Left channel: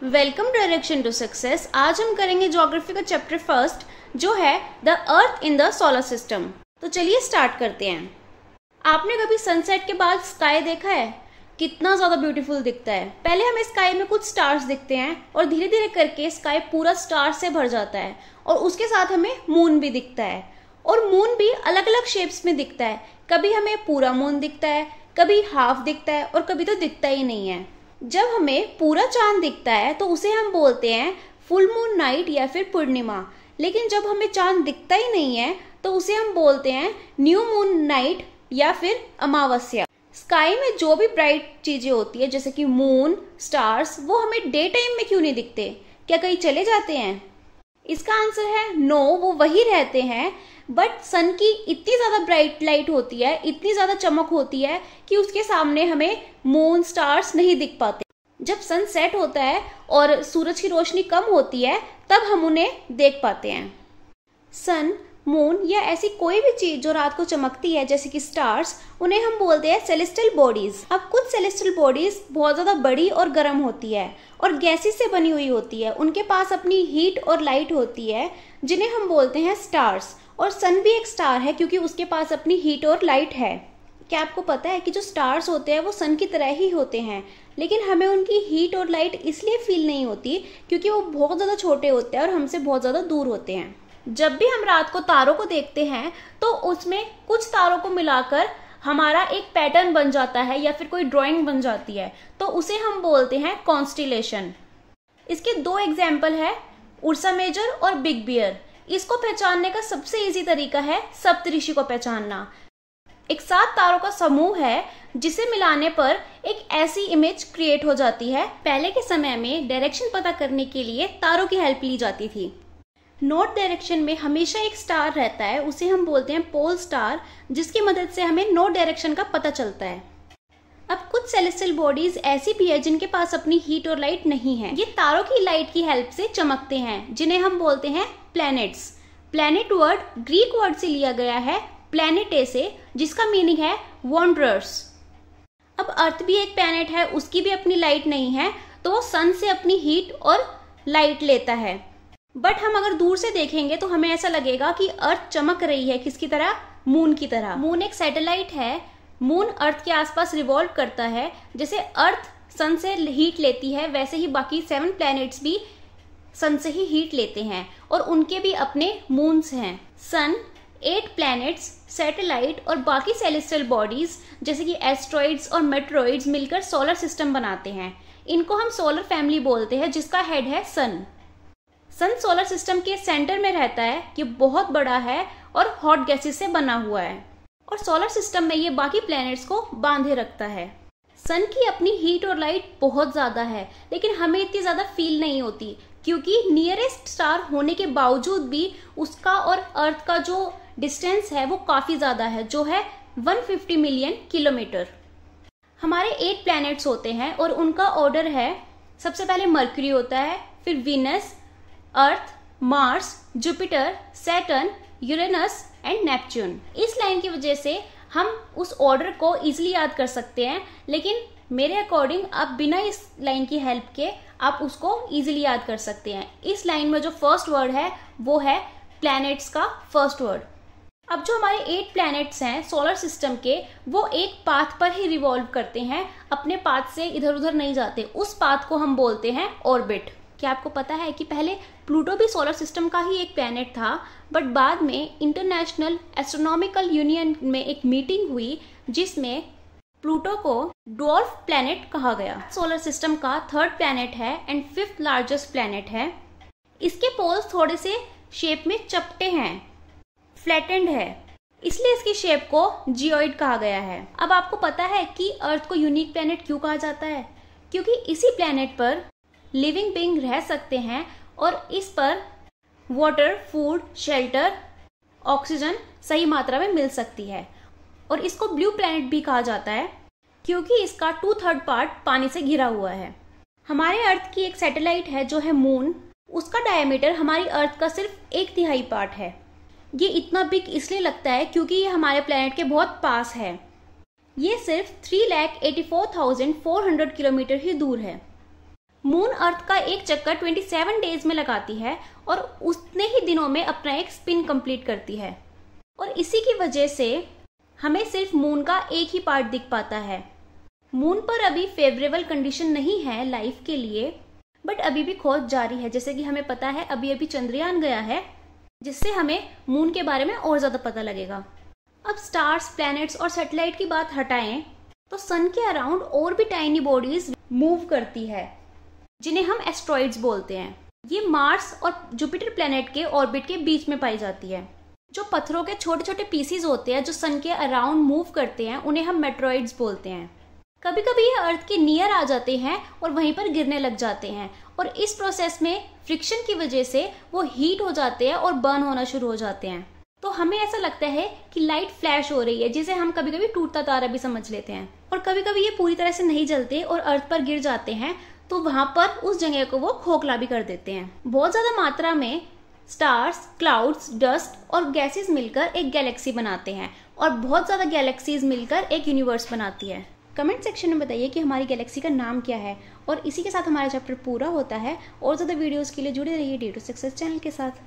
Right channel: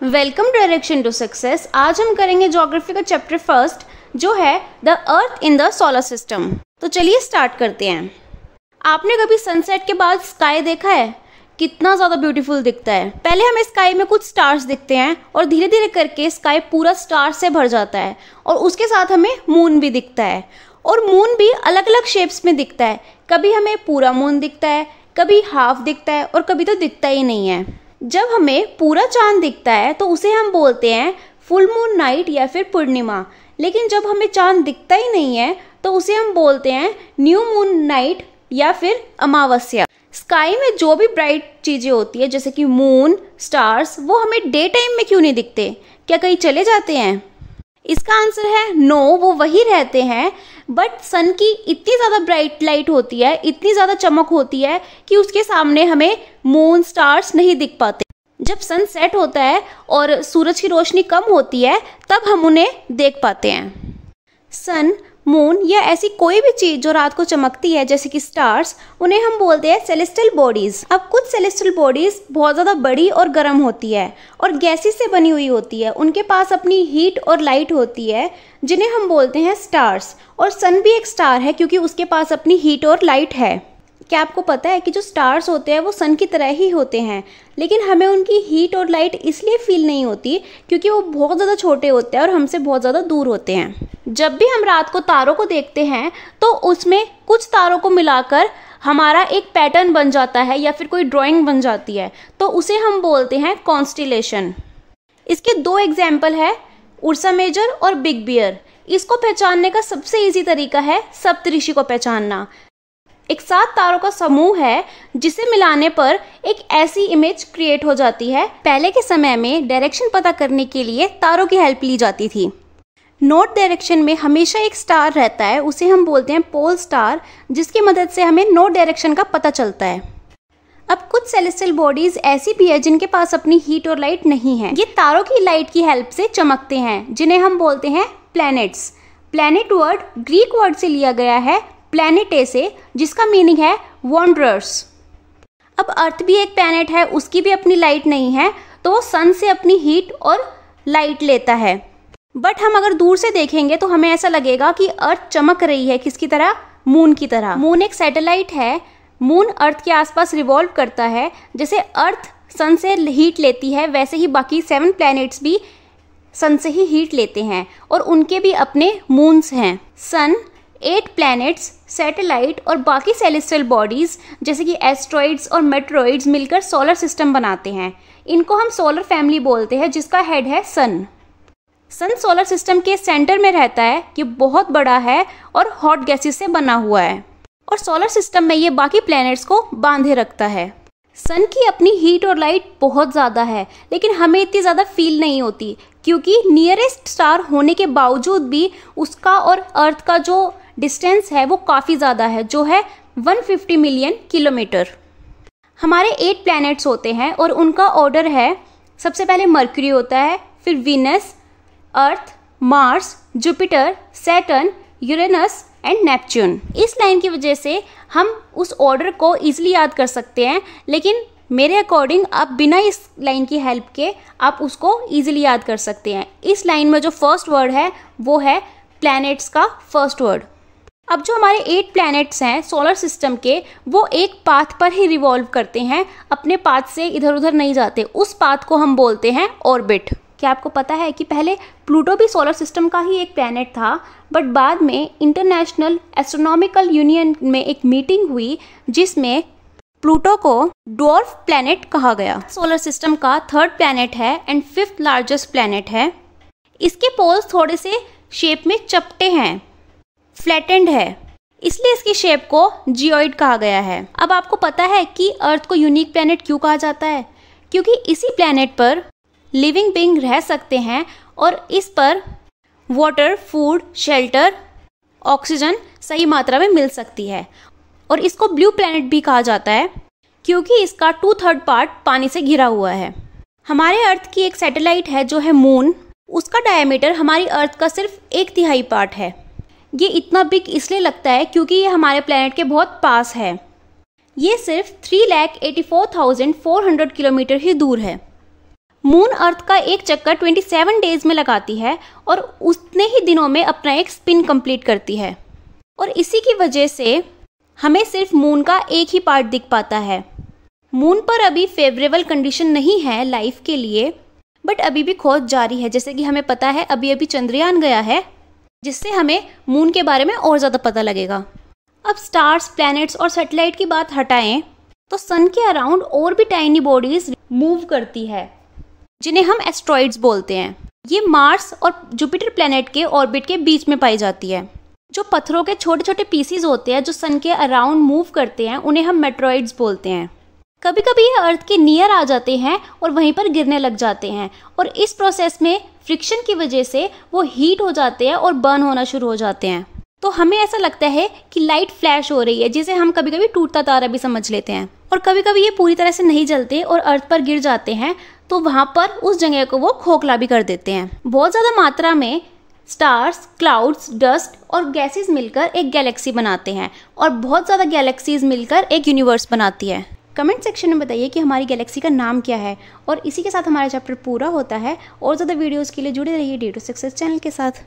Welcome direction to success. आज हम करेंगे ज्योग्राफी का चैप्टर फर्स्ट जो है the earth in the solar system. तो चलिए स्टार्ट करते हैं। आपने कभी सनसेट के बाद स्काई देखा है? कितना ज़्यादा ब्यूटीफुल दिखता है। पहले हमें स्काई में कुछ स्टार्स दिखते हैं और धीरे धीरे करके स्काई पूरा स्टार से भर जाता है और उसके साथ हमें मून भी दिखता है। और मून भी अलग अलग शेप्स में दिखता है। कभी हमें पूरा मून दिखता है, कभी हाफ दिखता है और कभी तो दिखता ही नहीं है। जब हमें पूरा चांद दिखता है तो उसे हम बोलते हैं फुल मून नाइट या फिर पूर्णिमा। लेकिन जब हमें चांद दिखता ही नहीं है तो उसे हम बोलते हैं न्यू मून नाइट या फिर अमावस्या। स्काई में जो भी ब्राइट चीजें होती है जैसे कि मून, स्टार्स, वो हमें डे टाइम में क्यों नहीं दिखते? क्या कहीं चले जाते हैं? इसका आंसर है नो, वो वही रहते हैं। बट सन की इतनी ज़्यादा ब्राइट लाइट होती है, इतनी ज़्यादा चमक होती है कि उसके सामने हमें मून, स्टार्स नहीं दिख पाते। जब सन सेट होता है और सूरज की रोशनी कम होती है तब हम उन्हें देख पाते हैं। सन, मून या ऐसी कोई भी चीज जो रात को चमकती है जैसे कि स्टार्स, उन्हें हम बोलते हैं सेलेस्टियल बॉडीज। अब कुछ सेलेस्टियल बॉडीज बहुत ज्यादा बड़ी और गर्म होती है और गैसेस से बनी हुई होती है। उनके पास अपनी हीट और लाइट होती है जिन्हें हम बोलते हैं स्टार्स। और सन भी एक स्टार है क्योंकि उसके पास अपनी हीट और लाइट है। क्या आपको पता है कि जो स्टार्स होते हैं वो सन की तरह ही होते हैं, लेकिन हमें उनकी हीट और लाइट इसलिए फील नहीं होती क्योंकि वो बहुत ज़्यादा छोटे होते हैं और हमसे बहुत ज़्यादा दूर होते हैं। जब भी हम रात को तारों को देखते हैं तो उसमें कुछ तारों को मिलाकर हमारा एक पैटर्न बन जाता है या फिर कोई ड्राइंग बन जाती है, तो उसे हम बोलते हैं कॉन्स्टिलेशन। इसके दो एग्जाम्पल है, उर्सा मेजर और बिग बियर। इसको पहचानने का सबसे इजी तरीका है सप्तऋषि को पहचानना। एक 7 तारों का समूह है जिसे मिलाने पर एक ऐसी इमेज क्रिएट हो जाती है। पहले के समय में डायरेक्शन पता करने के लिए तारों की हेल्प ली जाती थी। नॉर्थ डायरेक्शन में हमेशा एक स्टार रहता है, उसे हम बोलते हैं पोल स्टार, जिसकी मदद से हमें नॉर्थ डायरेक्शन का पता चलता है। अब कुछ सेलेस्टियल बॉडीज ऐसी भी है जिनके पास अपनी हीट और लाइट नहीं है। ये तारों की लाइट की हेल्प से चमकते हैं, जिन्हें हम बोलते हैं planets. Planet word Greek word से लिया गया है प्लैनेटे से, जिसका मीनिंग है वॉन्डरर्स। अब अर्थ भी एक प्लैनेट है, उसकी भी अपनी लाइट नहीं है, तो वो सन से अपनी हीट और लाइट लेता है। बट हम अगर दूर से देखेंगे तो हमें ऐसा लगेगा कि अर्थ चमक रही है, किसकी तरह? मून की तरह। मून एक सैटेलाइट है। मून अर्थ के आसपास रिवॉल्व करता है। जैसे अर्थ सन से हीट लेती है वैसे ही बाकी 7 प्लैनेट्स भी सन से ही हीट लेते हैं और उनके भी अपने मून्स हैं। सन, 8 प्लैनेट्स, सैटेलाइट और बाकी सेलेस्टियल बॉडीज जैसे कि एस्ट्रॉइड्स और मेट्रॉइड्स मिलकर सोलर सिस्टम बनाते हैं। इनको हम सोलर फैमिली बोलते हैं, जिसका हेड है सन। सन सोलर सिस्टम के सेंटर में रहता है। ये बहुत बड़ा है और हॉट गैसेस से बना हुआ है और सोलर सिस्टम में ये बाकी प्लैनेट्स को बांधे रखता है। सन की अपनी हीट और लाइट बहुत ज़्यादा है, लेकिन हमें इतनी ज़्यादा फील नहीं होती क्योंकि नियरेस्ट स्टार होने के बावजूद भी उसका और अर्थ का जो डिस्टेंस है वो काफ़ी ज़्यादा है, जो है 150 मिलियन किलोमीटर। हमारे 8 प्लैनेट्स होते हैं और उनका ऑर्डर है, सबसे पहले मर्क्यूरी होता है, फिर Venus, earth, Mars, Jupiter, Saturn, Uranus and Neptune. इस लाइन की वजह से हम उस ऑर्डर को इजीली याद कर सकते हैं, लेकिन मेरे अकॉर्डिंग आप बिना इस लाइन की हेल्प के आप उसको इजीली याद कर सकते हैं। इस लाइन में जो फर्स्ट वर्ड है वो है प्लैनेट्स का फर्स्ट वर्ड। अब जो हमारे 8 प्लैनेट्स हैं सोलर सिस्टम के, वो एक पाथ पर ही रिवॉल्व करते हैं, अपने पाथ से इधर उधर नहीं जाते। उस पाथ को हम बोलते हैं ऑर्बिट। क्या आपको पता है कि पहले प्लूटो भी सोलर सिस्टम का ही एक प्लैनेट था, बट बाद में इंटरनेशनल एस्ट्रोनॉमिकल यूनियन में एक मीटिंग हुई जिसमें प्लूटो को ड्वार्फ प्लैनेट कहा गया। सोलर सिस्टम का 3rd प्लैनेट है एंड 5th लार्जेस्ट प्लैनेट है। इसके पोल्स थोड़े से शेप में चपटे हैं, फ्लैटेंड है, इसलिए इसकी शेप को जियोइड कहा गया है। अब आपको पता है कि अर्थ को यूनिक प्लैनेट क्यों कहा जाता है? क्योंकि इसी प्लैनेट पर लिविंग बीइंग रह सकते हैं और इस पर वाटर, फूड, शेल्टर, ऑक्सीजन सही मात्रा में मिल सकती है। और इसको ब्लू प्लैनेट भी कहा जाता है क्योंकि इसका 2/3 पार्ट पानी से घिरा हुआ है। हमारे अर्थ की एक सैटेलाइट है जो है मून, उसका डायमीटर हमारी अर्थ का सिर्फ 1/3 पार्ट है। ये इतना बिग इसलिए लगता है क्योंकि ये हमारे प्लैनेट के बहुत पास है। ये सिर्फ 3,84,400 किलोमीटर ही दूर है। मून अर्थ का एक चक्कर 27 डेज में लगाती है और उतने ही दिनों में अपना एक स्पिन कंप्लीट करती है। और इसी की वजह से हमें सिर्फ मून का एक ही पार्ट दिख पाता है। मून पर अभी फेवरेबल कंडीशन नहीं है लाइफ के लिए, बट अभी भी खोज जारी है। जैसे कि हमें पता है अभी अभी चंद्रयान गया है, जिससे हमें मून के बारे में और ज़्यादा पता लगेगा। अब स्टार्स, प्लैनेट्स और सैटेलाइट की बात हटाएं तो सन के अराउंड और भी टाइनी बॉडीज मूव करती है, जिन्हें हम एस्ट्रॉइड्स बोलते हैं। ये मार्स और जुपिटर प्लैनेट के ऑर्बिट के बीच में पाई जाती है। जो पत्थरों के छोटे छोटे पीसीज होते हैं जो सन के अराउंड मूव करते हैं, उन्हें हम मेट्रॉइड्स बोलते हैं। कभी कभी ये अर्थ के नियर आ जाते हैं और वहीं पर गिरने लग जाते हैं, और इस प्रोसेस में फ्रिक्शन की वजह से वो हीट हो जाते हैं और बर्न होना शुरू हो जाते हैं। तो हमें ऐसा लगता है कि लाइट फ्लैश हो रही है, जिसे हम कभी कभी टूटता तारा भी समझ लेते हैं। और कभी कभी ये पूरी तरह से नहीं जलते और अर्थ पर गिर जाते हैं, तो वहां पर उस जगह को वो खोखला भी कर देते हैं। बहुत ज्यादा मात्रा में स्टार्स, क्लाउड्स, डस्ट और गैसेस मिलकर एक गैलेक्सी बनाते हैं, और बहुत ज़्यादा गैलेक्सीज मिलकर एक यूनिवर्स बनाती है। कमेंट सेक्शन में बताइए कि हमारी गैलेक्सी का नाम क्या है। और इसी के साथ हमारा चैप्टर पूरा होता है। और ज़्यादा वीडियोज़ के लिए जुड़े रहिए D2 सक्सेस चैनल के साथ।